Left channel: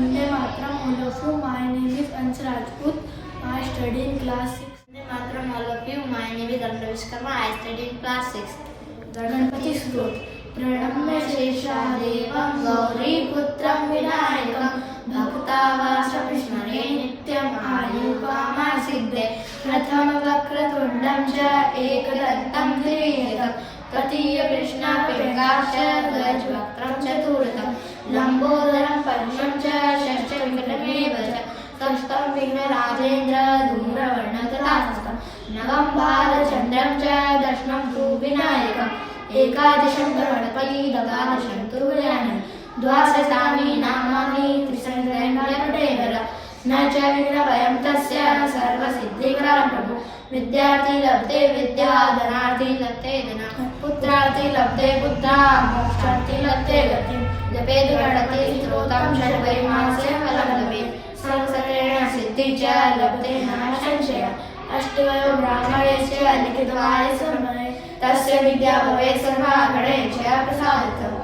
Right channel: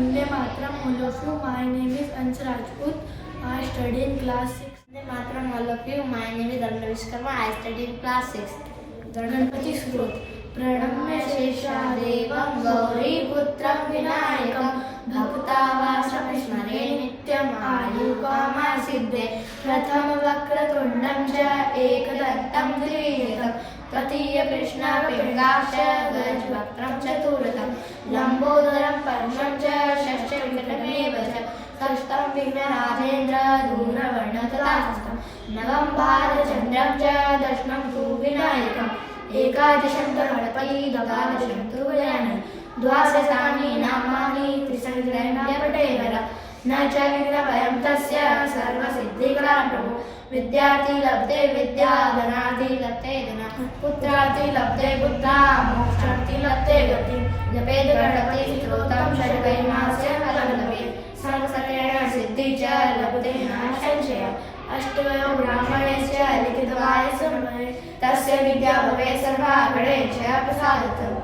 Vande Mataram, all of you. My name is Ansh Rajput. I study in class 6. Vande Mataram, all of you. My name is Anna Vishkarma. I study in class 6. Ganpati स्तोत्र प्रणम्य शेषादेवं गौरीपुत्रं विनायकं भक्तावासं स्मरे नित्यम् आयुकामासिद्धे प्रथम वक्रतुण्डं च एकदन्तं द्वितीयकं तृतीय कृष्णपिङ्गाक्ष गजवक्त्रं चतुर्थं लम्बोदरं पंचमं च षष्ठं विक्रमेव च षष्ठं विघ्नराजेन्द्र धूम्रवर्णं तथास्तं नवम भारचन्द्रं च दशमं तु विनायकम् एकादशं तु गणपति द्वादशं तु गजाननं द्वादशानि नामानि त्रिसहस्रैर्नपटेवर न च विघ्नभयं तस्य सर्वसिद्धिकरं प्रभु विद्यार्थी लब्धे विद्या धनार्थी लब्धे धनं पुत्रार्थी लब्धे पुत्रा मोक्षार्थी लब्धे गतिं जपेद गणपति स्तोत्रं षड्वैमासे फलम् सर्वसकलेन सिद्धि च लभते नाम संशय अष्टवयो ब्राह्मणेश्च लिखितवाय समये तस्य विद्या भवे सर्वागणे च प्रसादितम्